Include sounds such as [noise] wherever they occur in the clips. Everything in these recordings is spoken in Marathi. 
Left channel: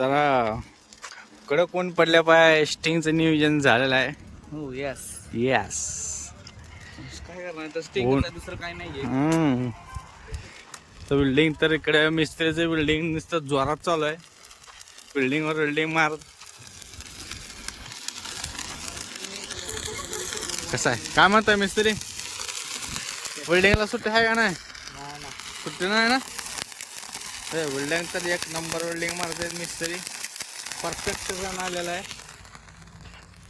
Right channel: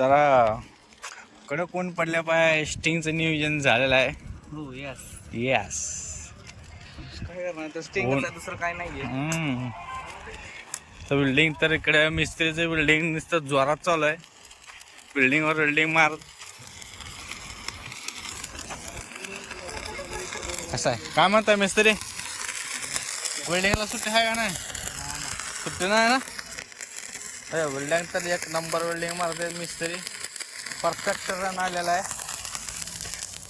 जरा कडक कोण पडल्या पाय स्टिंगचं नियोजन झालेलं आहे. हो यस येस काय करणार? तर स्टिंग ऊन. दुसरं काय नाहीये. हम्म. तर बिल्डिंग तर इकडे मिस्त्रीचं बिल्डिंग नुसतं जोरात चालू आहे. बिल्डिंगवर बिल्डिंग मार. कसं आहे? काय म्हणताय मिस्त्री? बिल्डिंगला सुट्टी आहे का नाही. सुट्टी नाही ना? अरे बिल्डिंग तर एक नंबर वेल्डिंग मारते मिस्त्री. परफेक्ट रन आलेला आहे.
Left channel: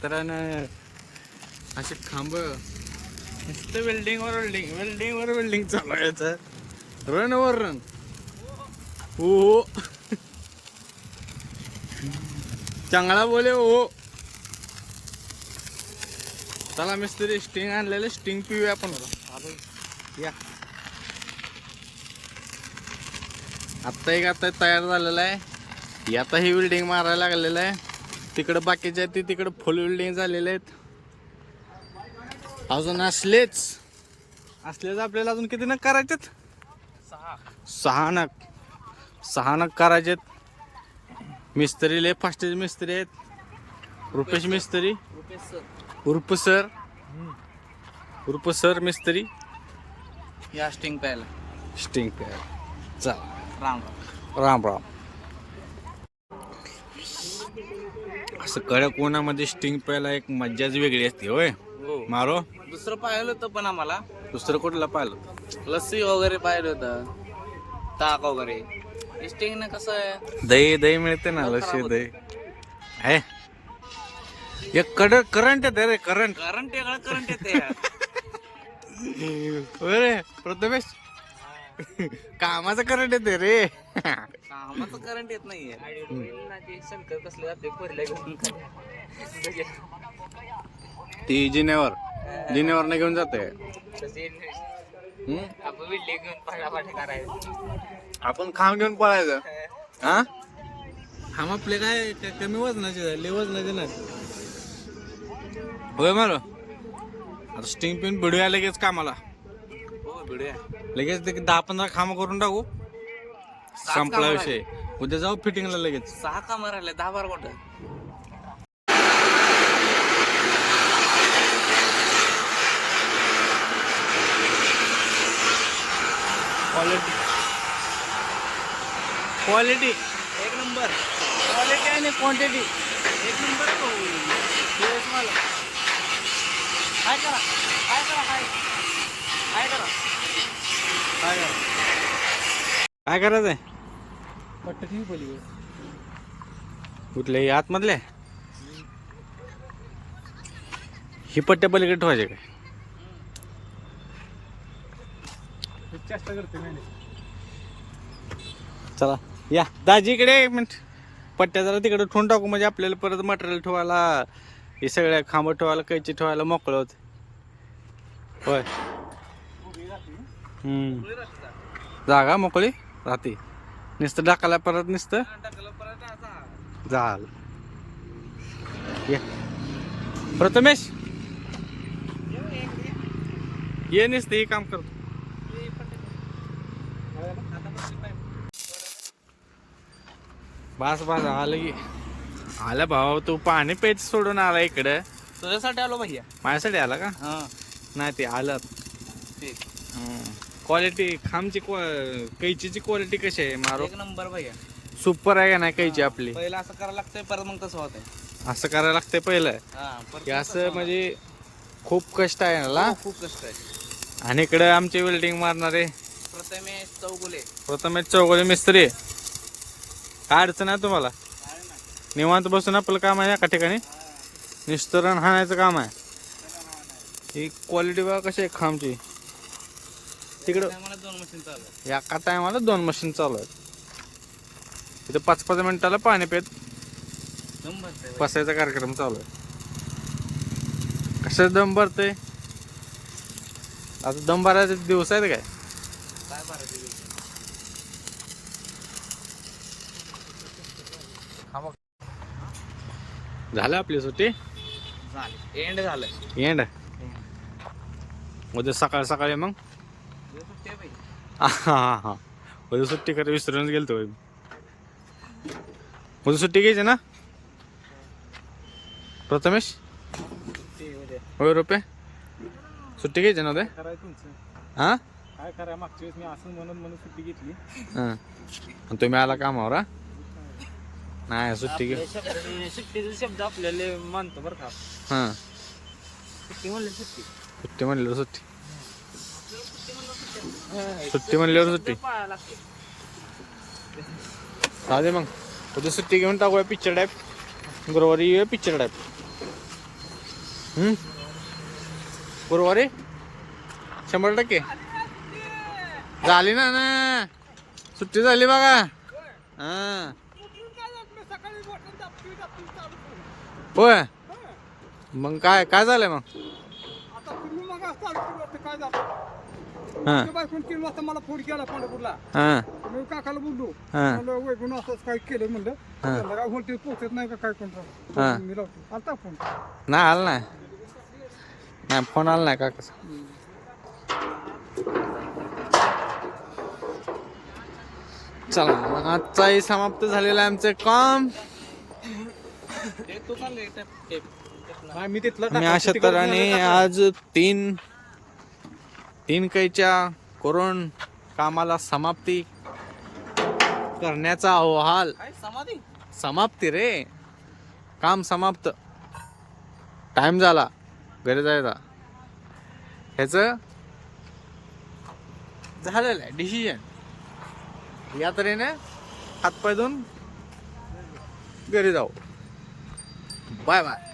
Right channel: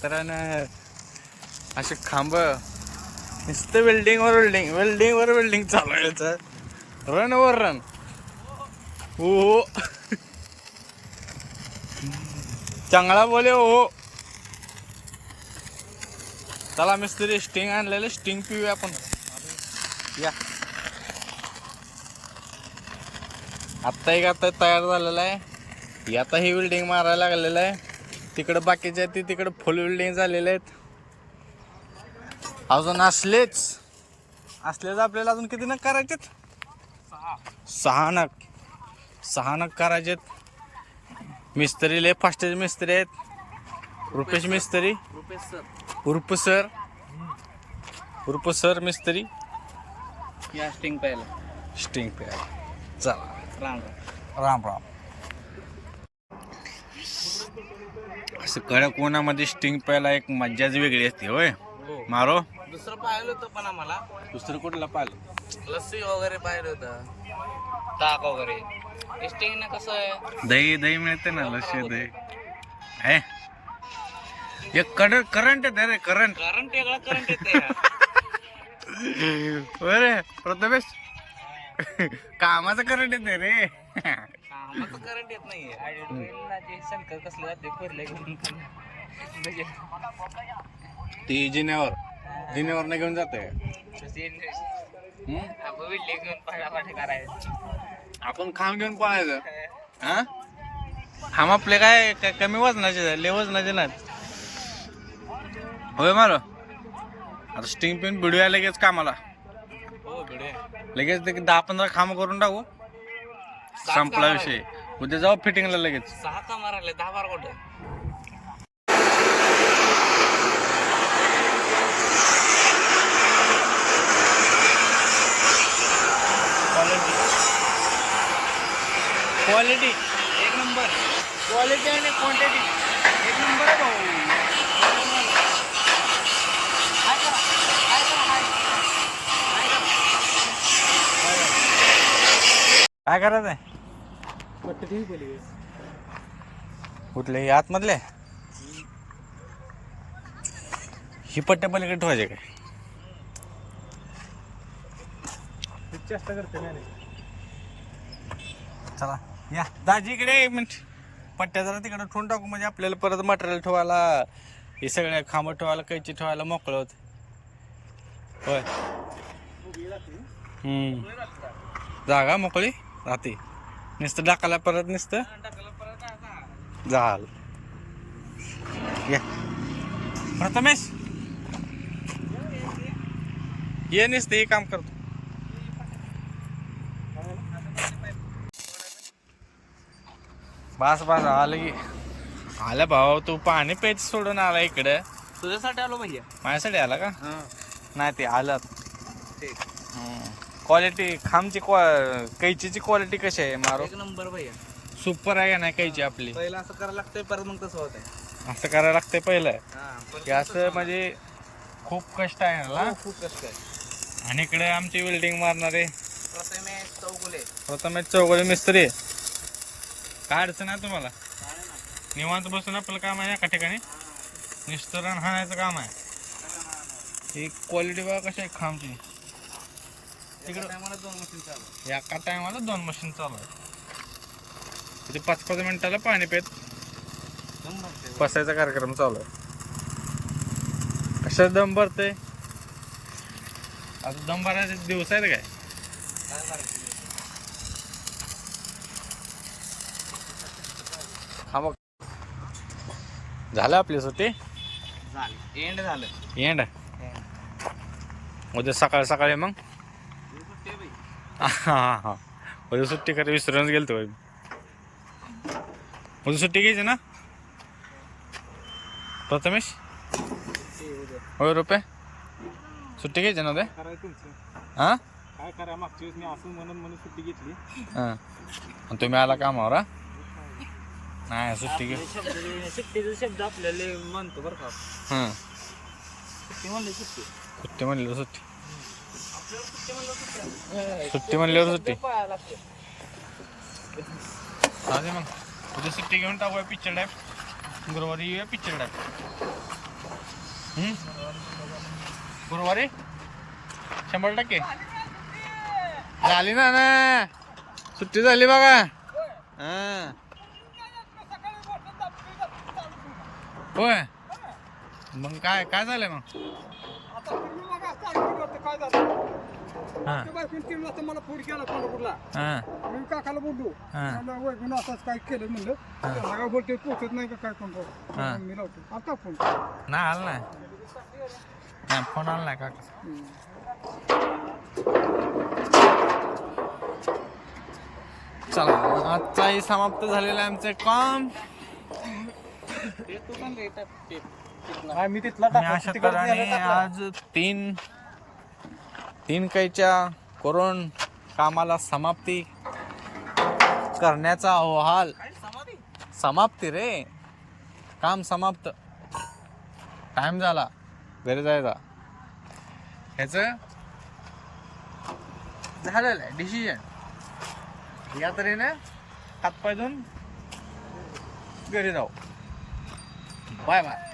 तर असे खांब नुसतं बिल्डिंगवर बिल्डिंग वेल्डिंगवर बिल्डिंग चालू आहे याचं. रन वर रन हो, हो चांगला बोले हो, हो चला मिस्त्री स्टिंग आणलेलं स्टिंग पिऊया आपण. या. आत्ता एक आता तयार झालेला आहे. आता ही बिल्डिंग मारायला लागलेलं आहे. तिकडं बाकीच्या आहेत ते तिकडं फुल बिल्डिंग झालेले आहेत. अजून असलेच. असलेच आपल्याला अजून किती नग करायचेत? सहा सहा नग. सहा नग करायचेत. मिस्त्री लय फास्टेज मिस्त्री आहेत. रुपेश मिस्त्री. उर्फ सर. उर्फ सर मिस्त्री. या स्टिंग प्यायला. स्टिंग पॅड चला. राम राम राम राम असं कडक उन्हामध्ये स्टिंग प्यायला एक मज्जाच वेगळी असते होय? हो. मारो. दुसरं पाहिलं होतं पण आम्हाला. दुसरं कुठलं पाहिलं? लस्सी वगैरे पाहिलं होतं. ताक वगैरे. स्टिंग ना कसं आहे? दही दही मिळते ना लशी दही. आहे? एक कड करंट आहे रे करंट करंट वेगळा करंट येते [laughs] रे प्रथमेश कामाचं करंट येते रे. कामाचं करंट येत नाहीये. शंकर कसले जाते पहिल्या घेऊन ती जिन्यावर जिन्यावर नाही घेऊन जाते आपण खांब घेऊन पळायचं. हा? खांब आपले काय काय कमी वजनाचे लय वजनाचे नाहीत. होय मारो. आता स्टिंग पिन भिडूया लगेच कामाला. लगेच ते दहा पंधरा खांब करून टाकू. संपला विषय. उद्या जाऊ फिटिंगला लगेच. सहा का मारायला? दहा बारा कुठं? क्वालिटी क्वालिटी एक नंबर. क्वालिटी आणि क्वांटिटी एक नंबर आहे भाऊ. करा. हाय करा. हाय करा काय करायचंय पट्टी ती बोली कुठले? आतमधले? ही पट्ट्या पलीकडे ठेवायचे काय? चेष्टा करते चला या. दाजी इकडे एक मिनिट. पट्ट्या जरा तिकडे ठेवून टाकू. म्हणजे आपल्याला परत मटेरियल ठेवायला हे सगळ्या खांब ठेवायला कैची ठेवायला मोकळं होत. होय. हम्म. जागा मोकळी? राहते नुसतं टाकायला परत नुसतं? झाल. या. प्रथमेश. ये नुसतं हे काम करतो बस बस आलं की. आलं भाऊ तू पाणी पेच सोडून आला इकडं. तुझ्यासाठी आलो भैया. माझ्यासाठी आला का. नाही ते आलं. ठीक. क्वालिटी खामची क्वा- कैचीची क्वालिटी कशी आहे मारो? एक नंबर भैया सुपर आहे का नाही कैची आपली? पहिला असं करायला लागतंय परत मग कसं होतं असं करायला लागतंय पहिलं. की असं म्हणजे खूप कष्ट आहे ना खूप- कष्ट आहे. आणि इकडे आमची वेल्डिंग मारणारे. प्रथमेश चौगुले. प्रथमेश चौगळे मिस्त्री. काय अडचण आहे तुम्हाला? निवांत बसून आपलं काम आहे एका ठिकाणी? निस्तरण हाणायचं काम आहे. ही क्वालिटी बघा कशी आहे खामची. तिकडं? दोन मशीन चालू आहे. या एका टायमाला दोन मशीन चालू आहेत. इथे पाच पाच मिनिटाला पाणी पेत. बसायचा कार्यक्रम चालू आहे. कशात दम भरते आता दम भरायचे दिवस आहेत काय? हा मग. झालं आपली सुट्टी? एंड झालं. एंड उद्या सकाळ सकाळी मग? हा हा उद्या सुट्टी करे विसरूनच गेलतो उद्या सुट्टी घ्यायची ना? प्रथमेश? होय रुपये सुट्टी घ्यायची ना उद्या? हां? काय करा मागच्या वेळेस मी असं म्हणून म्हणून सुट्टी घेतली. हां. तुम्ही आला कामावर हा? नाही सुट्टी घे. सुट्टीचा शब्द आपल्याला मानतो बरं का. हां. सुट्टी म्हणले सुट्टी. सुट्टी म्हणल्यावर सुट्टी. सुट्टी म्हणल्यावर सुट्टी. चालते मग. उद्या सुट्टी घेऊन टाकूया पिक्चर टाईप गुरुवारी येऊया पिक्चर टाईप गुरुवारी? शंभर टक्के. झाली ना ना? सुट्टी झाली बघा. हां. होय. मग काय काय झालंय मग? हां. बायकून तीन वाजता मला फोन केला पंढरपूरला. हां. मी काकाला बोललो. हां. म्हणलं वैकून असंच काय केलं म्हणलं. त्यांना काय बोलते पोचत नाही का काय कोण हां. मी लावतो. आता फोन. नाही आलं नाही. नाही फोन आला नाही काका चला मग आजचाही समाप्त झालेलं आहे आमचं काम. मी अशा तऱ्हेने आज तीन तीन कैच्या करून कामाला समाप्ती करण्याचा अहवाल. समाप्ती रे. काम समाप्त. टाइम झाला. घरी जायचा ह्याच झालेलं आहे. डिसिजन या तऱ्हेने हातपाय धुवून घरी जाऊ. Bye bye